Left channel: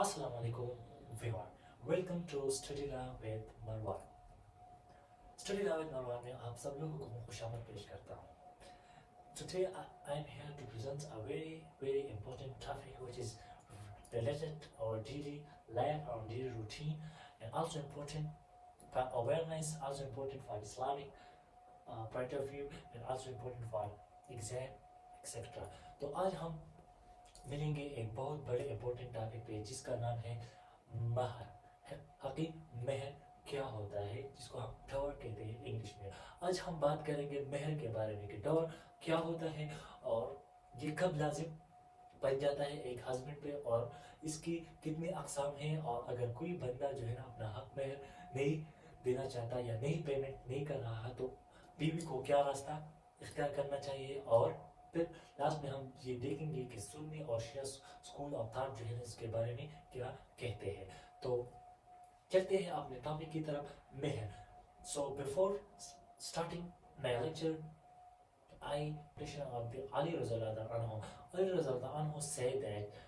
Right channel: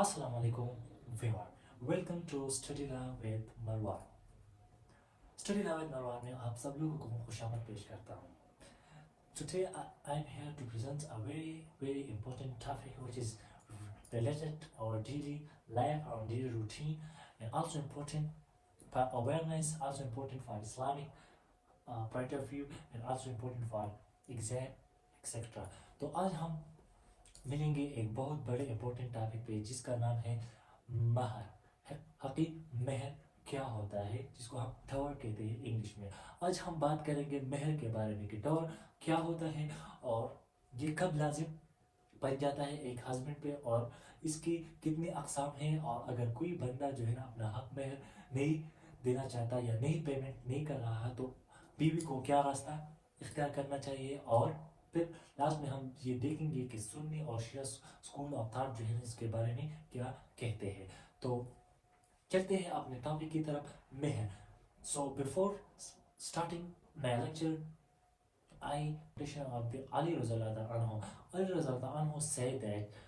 Assalamu alaikum viewer. Welcome to Study Lab with Marwan. Study Lab with Marwan में आप सब लोगों को खुशामद पेश करता हूँ. Today I'm here to present a very important topic which is related to our daily life, our daily routine, and also important for awareness, also important for Islamic point of view, and also important for exam, etc. तो आज हम मिलेंगे एक बहुत बड़े important topic पे जिसका नाम है महर. हकीक महर क्या होता है, जिसको हम टॉवर कहते हैं इंग्लिश में. आज हम बात करेंगे महर के बारे में कि टॉवर क्या होता है और ये कब लाजिम बन जाता है एक हस्बैंड पे, और इसकी कितने अकसाम हैं, और अगर कोई बंदा जो है ना अपना हक महर नहीं देना चाहता या नहीं पेमेंट नहीं कर रहा तो बीवी को क्या रास्ता इख्तियार करना चाहिए. और फिर लास्ट में हम ये देखेंगे कि सुन्नी और शिया स्कूल ऑफ थॉट जो है इसके बारे में क्या कहते हैं. तो चलते हैं अपने टॉपिक की तरफ, महर. So before starting my lecture I mention of the Ali Razallahu anhu. Ali Razallahu anhu said that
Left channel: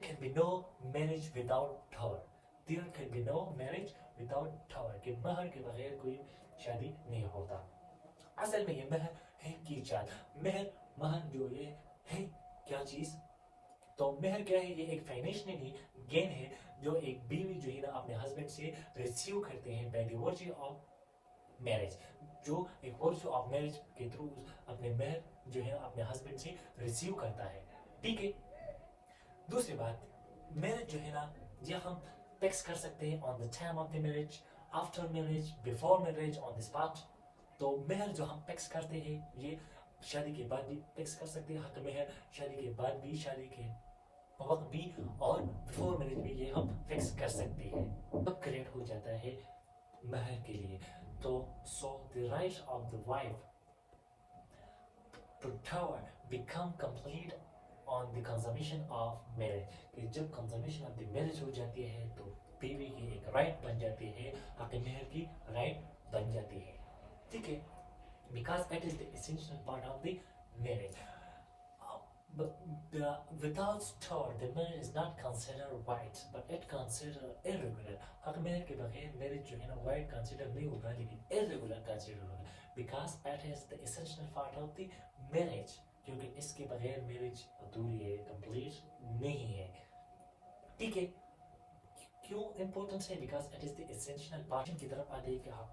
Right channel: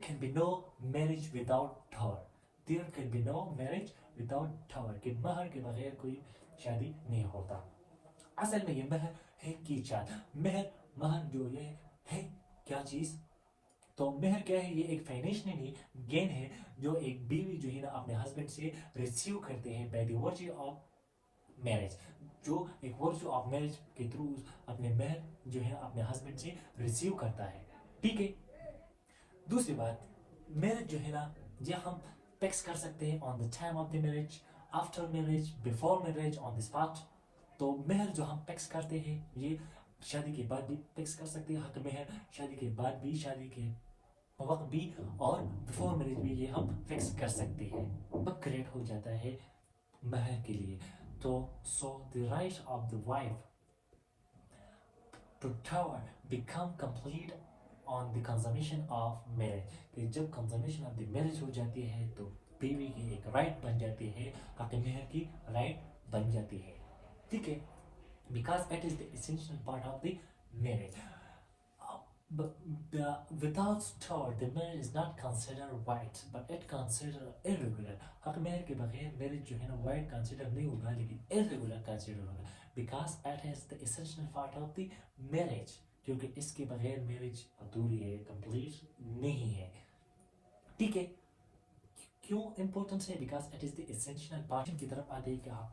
can be no marriage without tower. There can be no marriage without tower. कि महर के बगैर कोई शादी नहीं होता. असल में ये महर है की चाल. महर जो है क्या चीज. तो महर क्या है, ये एक फाइनेंशियली गेन है जो एक बीवी जो है ना अपने हस्बैंड से रिसीव करते हैं by the virtue of marriage. जो एक वर्च्यू ऑफ मैरिज के थ्रू अपने महर जो है अपने हस्बैंड से रिसीव करता है. ठीक है. दूसरी बात, मैरिज जो है ना ये हम फिक्स कर सकते हैं on the time of the marriage, after marriage, before marriage, on the spot. तो महर जो हम फिक्स करते हैं ये शादी के बाद भी फिक्स कर सकते हैं. हक महर शादी के बाद भी, शादी के वक्त भी, और बिफोर मैरिज भी ये हम फिक्स कर सकते हैं. वक्त क्रिएट हो जाता है महर के लिए. तो so the right of the wife to dower become complete on the consumption of marriage. कि जब कंजम्पशन ऑफ द मैरिज हो जाती है तो बीवी की एक राइट बन जाती है, हक महर की राइट बन जाती है. ठीक है. Because it is the essential part of the marriage. Without tower, the marriage is not considered white, but it considered irregular. हक महर के बगैर मैरिज जो है ना white consider नहीं होगा लेकिन irregular consider होगा. Because it is the essential part of the marriage. क्योंकि इसके बगैर मैरिज अधूरी है, complete नहीं है. ठीक है. क्यों इम्पोर्टेंट है? Because it is the essential part की तरफ आते हैं कि आप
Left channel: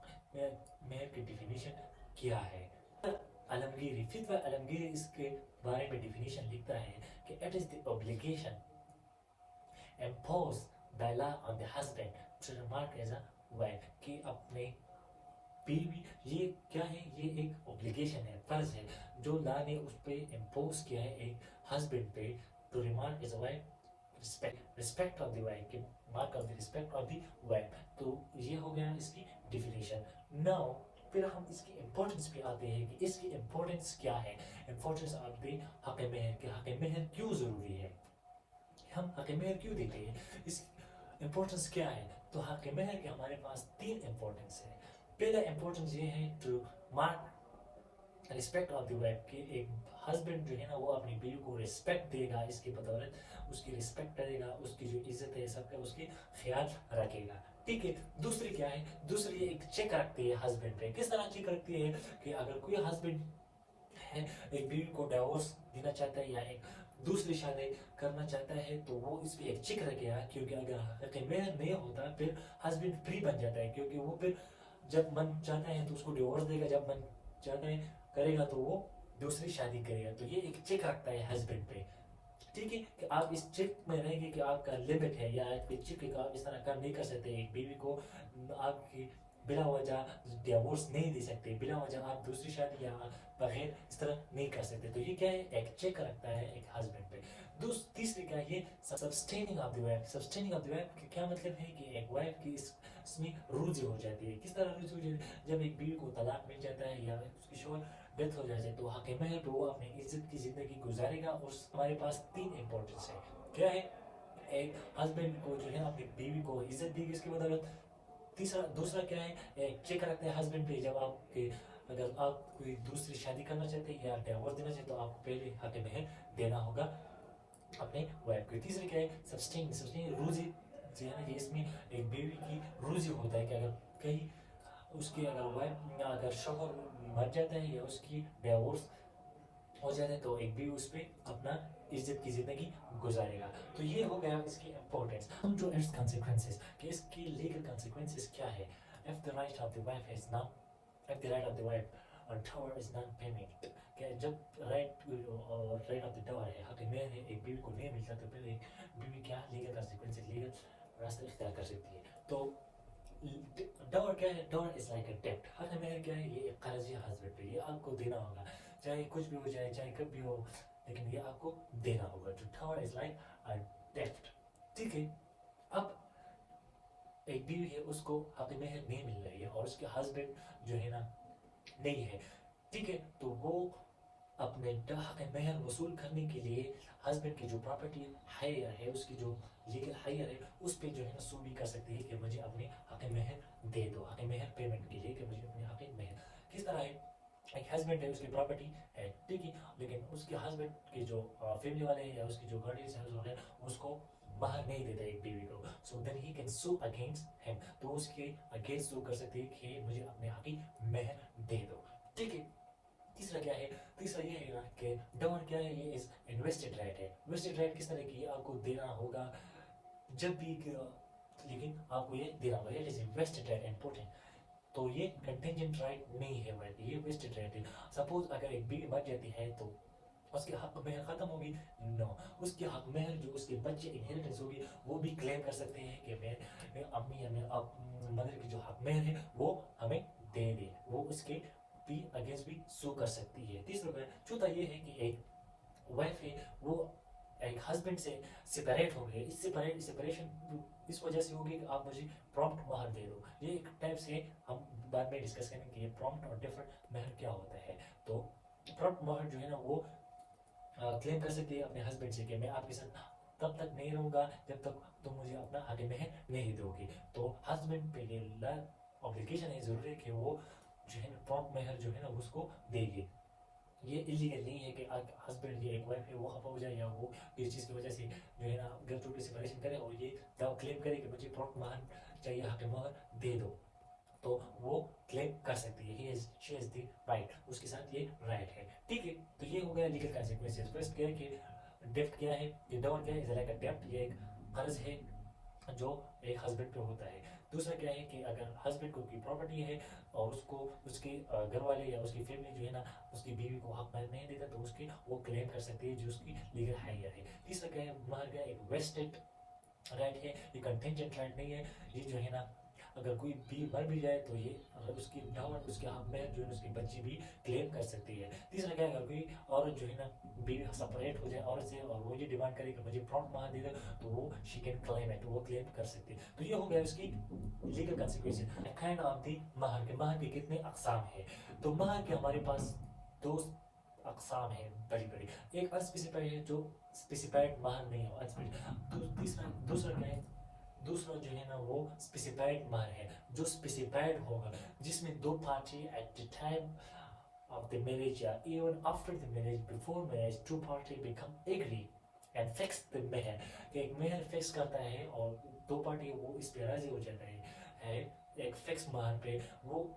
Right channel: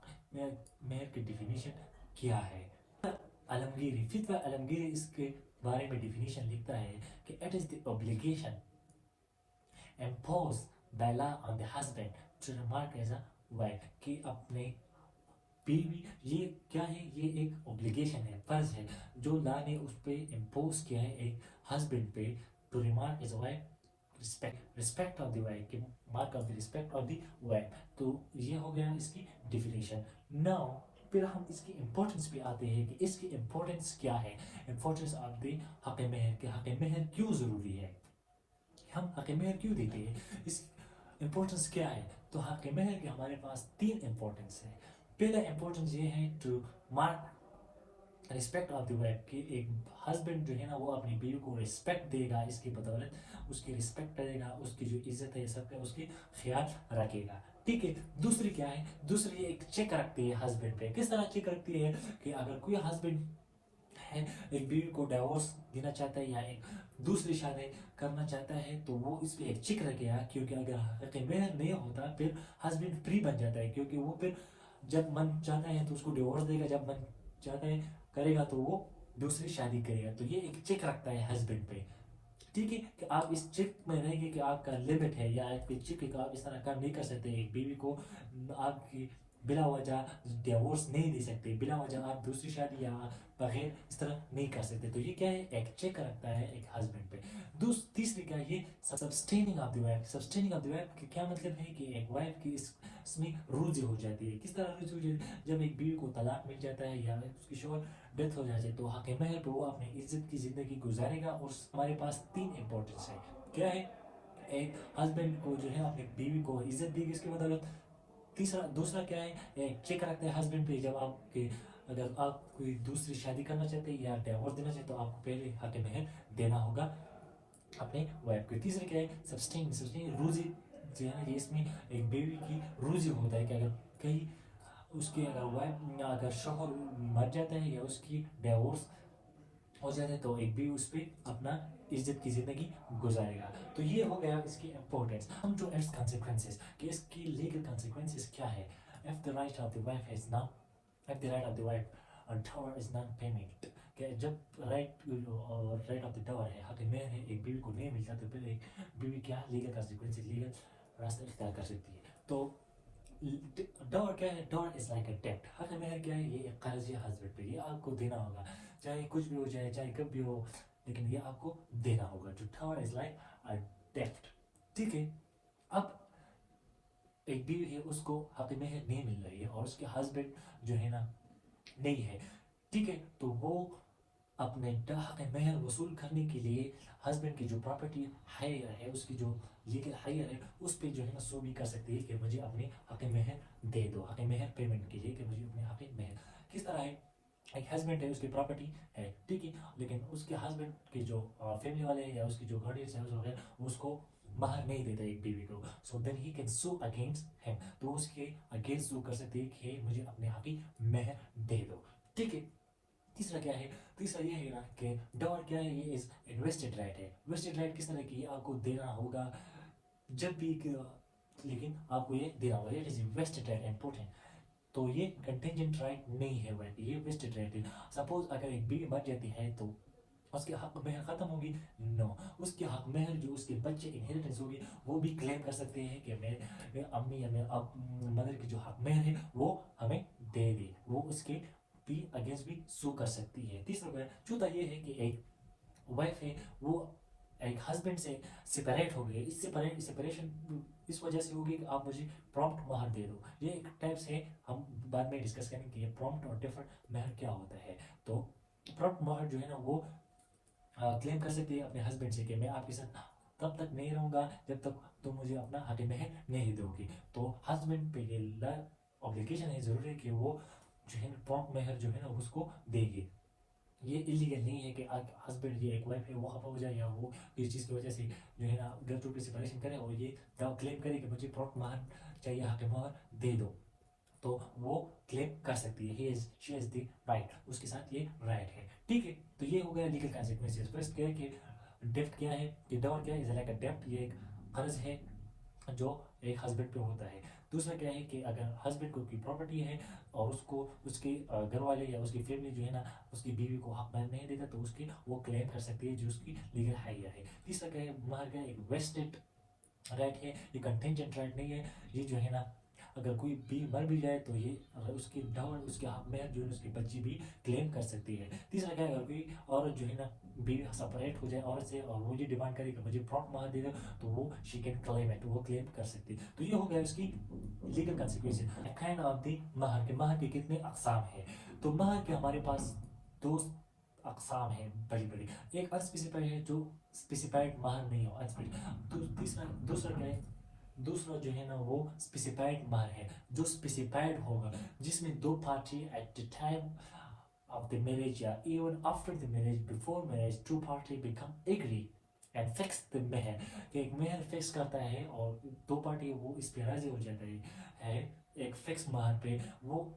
मेयर की डिफिनीशन क्या है. अलमगीरी फितवा अलमगीरी इसके बारे में डिफिनीशन लिखता है कि it is the obligation imposed by law on the husband to remark as a wife. कि अपने बीवी, ये क्या है, ये एक ऑब्लिगेशन है, फर्ज है जो लॉ ने उस पर इम्पोज किया है एक हस्बैंड पे, to remark as a wife respect of the wife, mark of the respect of the wife. तो ये हो गया इसकी डिफिनेशन. नाउ फिर हम इसकी इम्पोर्टेंस पे आते हैं कि इसकी इम्पोर्टेंस क्या है. इम्पोर्टेंस ऑफ द हक महर के हक महर क्यों जरूरी है, हम हक महर क्यों देते हैं, इस इम्पोर्टेंस क्या है. तो हक महर के हमारे पास 3 इम्पोर्टेंस है. पहला इम्पोर्टेंस ये है to mark respect of the wife. कि एक हस्बैंड जो है ना वो अपनी बीवी को रिस्पेक्ट देगा, इसकी बदौलत उसकी रिस्पेक्ट करेगा, उसकी जो इज्जत है सबका उसकी ख्याल रखेगा. ठीक है. दूसरी क्या है, दूसरी एक चेक रखती है हस्बैंड पे. किस तरह चेक रखती है कि अगर कोई हस्बैंड है एक बीवी को डिवोर्स देना चाहता है या एक दूसरी शादी करना चाहता है तो वो इस पे एक चेक रखेगा. क्योंकि अगर हक महर नहीं होता फिर हस्बैंड फ्री बन जाता है, क्योंकि वो फिर जब मन चाहता है तो उसको डिवोर्स देगा, जब मन चाहता है करेगा तो वो दूसरी शादी करेगा. तो ये एक चेक रखता है हस्बैंड पे. ठीक है. कि आप इस चेक में रहेंगे कि आपका लिमिट है, या एक चेक कि आप इस तरह काम नहीं कर सकते. एक बीवी को आपकी बिना वजह डिवोर्स नहीं दे सकते, बिना वजह आप दूसरी शादी या बगैर इस तरह नहीं कर सकते. तो ये क्या है, एक चेक रखता है एक हस्बैंड पे. तीसरी क्या है, sustaining of the wife. Sustaining of the wife का क्या मतलब है कि एक वाइफ की इसमें रूजी हो जाती है. किस तरह रूजी हो जाती है, जब एक बीवी को तलाक मिल जाता है या उसकी शोहर डेथ हो जाती है तो हक महर पे वो अपनी इज्जत की जिंदगी गुजारेगा. और हमारे पास 3 इम्पोर्टेंस है. क्या है, एक हस्बैंड को जो है अपनी बीवी को इज्जत देगी इसकी बदौलत. दूसरा क्या है, एक चेक रखते हैं हस्बैंड पे. जब आपके अगर आप कोई दूसरी शादी करना चाहते हैं या डिवोर्स देना चाहते तो आपको पहले हक महर देना होगा अपने वाइफ को. तीसरा क्या है, सस्टेन रूजी जो है ना ये इसमें एक बीवी की रूज़ी होता है कि अगर कहीं उसकी अगर वाइफ अगर शोहर मर जाता है या उसकी डिवोर्स हो जाता है तो एक भी उस पर अपना इज्जत की जिंदगी गुजारेगा। तो ये हो गया इसकी इंपॉर्टेंस। हम जो इट्स consequences कि इसकी लीगल consequences क्या है। If the right of the wife is not if the right of the wife tower is not payment कि जब राइट ऑफ द टावर है हक में है एक बीवी को नहीं मिलता तो फिर एक बीवी क्या लीगल consequences लीगल रास्ता इख्तियार कर सकती है। तो टावर क्या है। टावर इज लाइक अ डेब्ट। हक में क्या है ये एक कर्ज है हस्बैंड पे ये आपको देना होगा चाहे कुछ भी हो जाए चाहे कब भी हो लेकिन ये आपको देना होगा। तो टावर इज लाइक अ डेब्ट। ठीक है। अब एक बीवी है उसको हक में नहीं मिल रही है और उसके हस्बैंड जो है ना नहीं है। ठीक है। तो वो अपने हक मेहर वसूल करने के लिए हस्बैंड की जो प्रॉपर्टी हायर है उसकी जो लीगल हायर है उस पर जो है ना सो भी कर सकती है कि मुझे अपने हक मेहर दे दो हक मेहर पेमेंट के लिए कि मुझे अपने हक मेहर किस तरह है। एक हस्बैंड है उसकी प्रॉपर्टी है ठीक है लेकिन उसके हस्बैंड के जो फैमिली वाले हैं या उसकी जो गार्डियंस है उसको महर नहीं देता एक बीवी को। So then he can sue against him. तो उसके अगेंस्ट सू कर सकती है कि मुझे अपने हक मेहर दे दो। ठीक है। तीसरा क्या है। तीसरा ये है कि डॉवर क्या है ये इज इन्वेस्टेड राइट है। इन्वेस्टेड राइट किस तरह की आपको देना होगा जब भी लेकिन आपको ये देना होगा। It is invested right important. तो ये कंटेंजेंट राइट नहीं है वह ये वेस्टेड राइट है। सपोज अगर एक बीवी मर जाती है तो उसके हक मेहर खत्म होगी। नो उसके हक मेहर जो उसके बच्चे इनहेरिटेंस होगी वो भी क्लेम कर सकते हैं कि मेरे अम्मी या मेरे मदर की जो हक मेहर है वो हमें दे दे। वो उसके भी अगेंस्ट भी सू कर सकती है। तीसरा चौथा ये है कि एक वाइफ है वो एक हस्बैंड से सेपरेट हो गए। इस सेपरेशन इस वजह से होगी कि आप मुझे प्रॉम्प्ट महर दे दो। ये एक टाइप्स है हम बाद में डिस्कस करेंगे कि प्रॉम्प्ट और डिफर्ड महर क्या होता है। तो प्रॉम्प्ट महर जो है ना वो क्लेम कर सकती है अपने हस्बैंड से कि मैं आपके साथ तब तक नहीं रहूंगा जब तक तुम मुझे अपना हक मेहर नहीं दोगे। तो हस्बैंड पे ये ऑब्लिगेशन है जरूर है कि वो जो है ना प्रॉम्प्ट महर जो है ना उसको देगी। ये इलीगल नहीं है कि हस्बैंड ये एक वाइफ है वो खफा हो जाए या वो किसी चीज़ की वजह से जो है ना गलत रूप से सेपरेशन करे और ये क्लेम करे कि मुझे प्रॉम्प्ट महर चाहिए हक महर दे दो तो वो क्लेम कर सकती है। He is she is the right उसके साथ ये राइट है। ठीक है। तो ये हो गया लीगल कॉन्सिक्वेंसेस। फर्स्ट क्या है कि डेप्ट क्या है कि डॉवर क्या है लाइक अ डेप्ट ये एक कर्ज है जो एक हस्बैंड पे होता है। दूसरा क्या है कि अगर हस्बैंड को की प्रॉपर्टी है और उसको उसके घर वाले या उसकी फैमिली जो है ना उसकी बीवी को हक महर नहीं देता तो उसकी वो क्लेम कर सकती है जो उसकी लीगल हायर है। तीसरा क्या है महर क्या एक वेस्टेड राइट है ये कंटेंजेंट राइट नहीं है। ये जो है ना अगर कोई भी मर भी जाए तो ये उसके डॉवर उसके हक में जो है उसकी बच्ची भी क्लेम कर सकती है। तीसरा क्या है अगर कोई औरत जो है ना बीवी सेपरेट हो जाए औरत से और वो ये डिमांड करे कि मुझे प्रॉम्प्ट महर दे दो तो वो शी कैन क्लेम इट वो क्लेम कर सकती है। तो ये हो गया उसकी legal consequence. Kind of the महर के कितने अकसाम है। तो महर के हमारे पास दो अकसाम है बड़ी बड़ी। एक अनस्पेसिफाइड है जो स्पेसिफाइड महर नहीं हो तीसरा दूसरा क्या है दूसरा जो है ना वो स्पेसिफाइड महर है जो स्पेसिफाइड होगा जिसमें दो party at the time of the marriage या even after the marriage before marriage two party become agree and fix the meher कि एक मेहर फिक्स करता है और दो पार्टी वो इस पे राजी हो जाते हैं एक फिक्स महर पे वो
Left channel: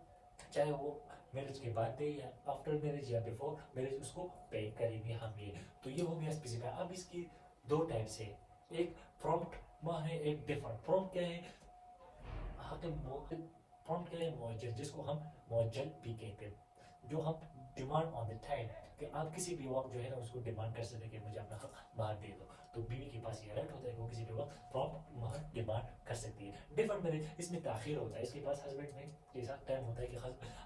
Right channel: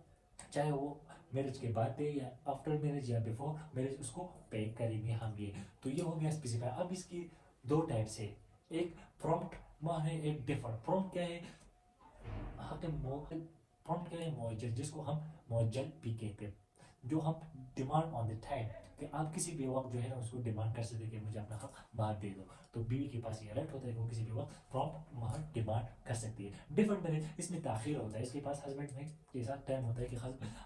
चाहे वो मैरिज के बाद पे या आफ्टर मैरिज या बिफोर मैरिज उसको पे करेंगे हम ये। तो ये हो गया स्पेसिफाई। अब इसकी दो टाइप्स है एक प्रॉम्प्ट महर है एक डिफर्ड। प्रॉम्प्ट क्या है प्रॉम्प्ट क्या है मुअज्जल जिसको हम मुअज्जल भी कहते हैं जो हम डिमांड ऑन द टाइम कि आप किसी भी वक्त जो है ना उसको डिमांड कर सकते हैं कि मुझे अपना हक महर दे दो। तो बीवी के पास ये राइट होता है वो किसी भी वक्त प्रॉम्प्ट महर डिमांड कर सकती है। डिफरेंट मैरिज इसमें ताखिर होता है इसके पास हस्बैंड में के साथ टाइम होता है कि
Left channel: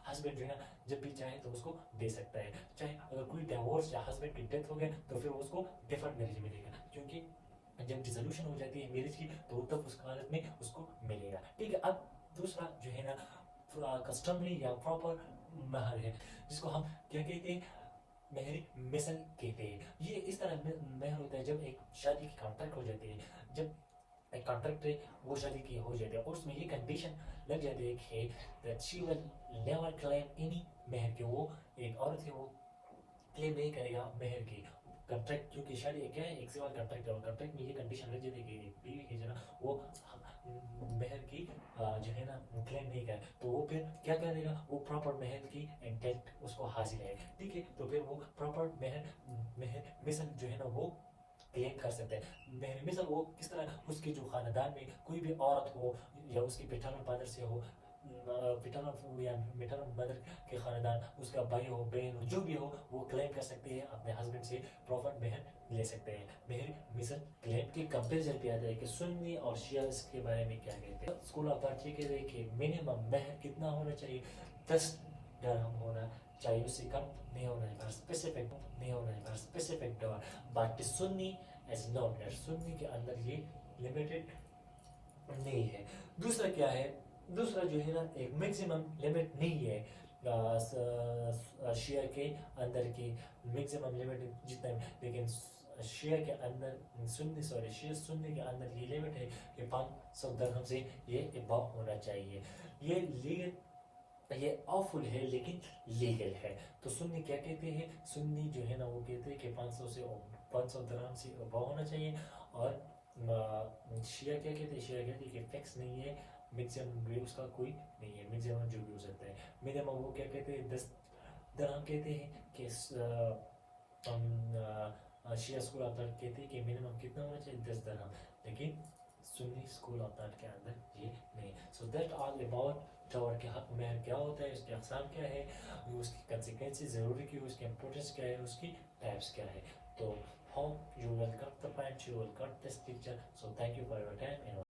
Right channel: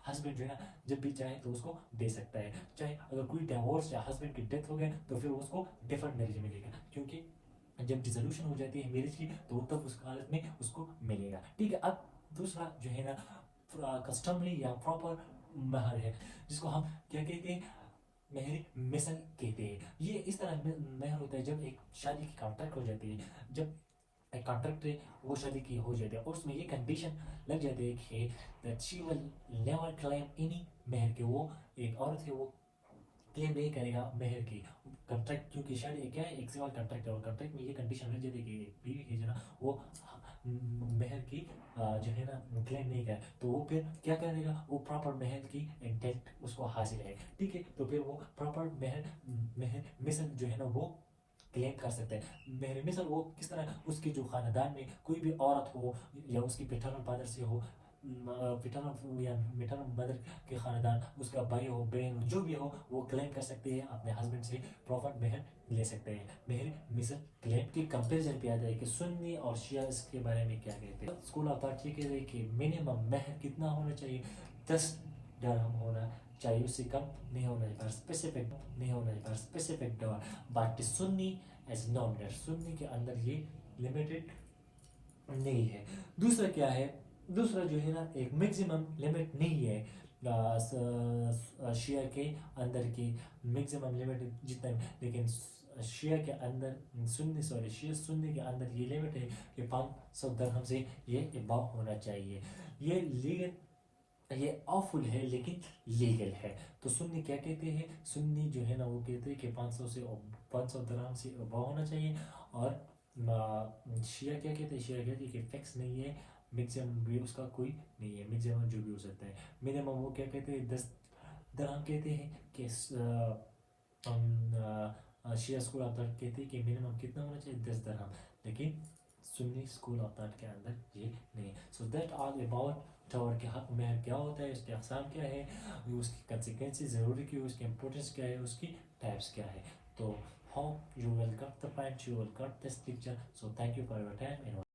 हस्बैंड जो है ना जब भी चाहे तो उसको दे सकता है। चाहे अगर कोई डिवोर्स या हस्बैंड की डेथ हो गई तो फिर उसको डिफरेंट मैरिज मिलेगा क्योंकि जब डिसोल्यूशन हो जाती है मैरिज की तो तब उस हालत में उसको मिलेगा। ठीक है। अब दूसरा जो है ना कस्टमरी या प्रॉपर महर है जिसको हम क्या कहते हैं मेहर मिसल कहते हैं। ये इस तरह मेहर होता है जब एक शादी की कॉन्ट्रैक्ट हो जाती है जब एक कॉन्ट्रैक्ट है वो शादी की हो जाती है और उसमें ये कंडीशन लग जाती है कि that she will never claim any मेहर के वो एक औरत है वो क्लेम नहीं करेगा मेहर की कॉन्ट्रैक्ट क्योंकि शादी क्या है एक सिविल कॉन्ट्रैक्ट है और कॉन्ट्रैक्ट में ये कंडीशन लग जाती है कि बीवी की जो वो क्लेम नहीं कर तो वो फिर क्या करेगा, वो प्रॉपर महल की इंटेंट उसको हासिल है, ठीक है, तो फिर वो प्रॉपर महल मिशन जो है ना वो क्लेम कर सकते हैं। महल मिशन वो किस तरह, उसकी जो खानदान में कोई भी औरत हो या उसकी पैटर्नल मदर से हो, पैटर्नल या मैटरनल मदर के खानदान, उसका भाई हो बहन हो जो भी हो, वो क्लेम कर सकते हैं अपने हस्बैंड से प्रॉपर महल ले सकते हैं। महल मिशन क्लेम की कंपेरिजन पे आ जाए कि सुन्नी और शिया इसके बारे में क्या कहते हैं। स्कूल ऑफ थॉट ये कहते हैं कि मिनिमम महल कितना होना चाहिए, 10 dirham होना चाहिए, उससे कम नहीं होना चाहिए, स्पेसिफिक नहीं होना चाहिए, specific dower. But Sunni as nominal, Sunni के अंदर ये लिमिटेड नहीं है। दूसरा क्या है, दूसरा जो है ना एक मैक्सिमम लिमिट नहीं है शिया के अंदर की मैक्सिमम लिमिट जितना, लेकिन शिया के अंदर शिया सुन्नी के अंदर ये लिमिट है कि 500 दिरहम से ये अबव होना चाहिए। ये लीगल, ये ऑफुल है लेकिन लीगल है। तो सुन्नी क्या कहते हैं, सुन्नी जो है ना वो कहते हैं कि 500 दिरहम से अबव होना चाहिए। और शिया क्या कहते हैं, शिया कहते हैं कि फिक्स नहीं है, मैक्सिमम भी उसका कोई नहीं है, मैक्सिमम जो भी हो सकता है। मिनिमम वो क्या कहते हैं, 10 दिरहम कहते हैं कि शिया स्कूल ऑफ थॉट कहते हैं कि मिनिमम कितना होना चाहिए, 10 दिरहम, लेकिन सुन्नी स्कूल ऑफ थॉट के अंदर ये नहीं। So that all about tower के हक महर क्या होता है, उसके अकसाम क्या है, उसकी कंसिक्वेंसेस ज़रूरी की, उसकी इंपॉर्टेंस क्या है, उसकी टाइप्स क्या है। तो hope you will got the point, you will got this picture. So thank you for your time and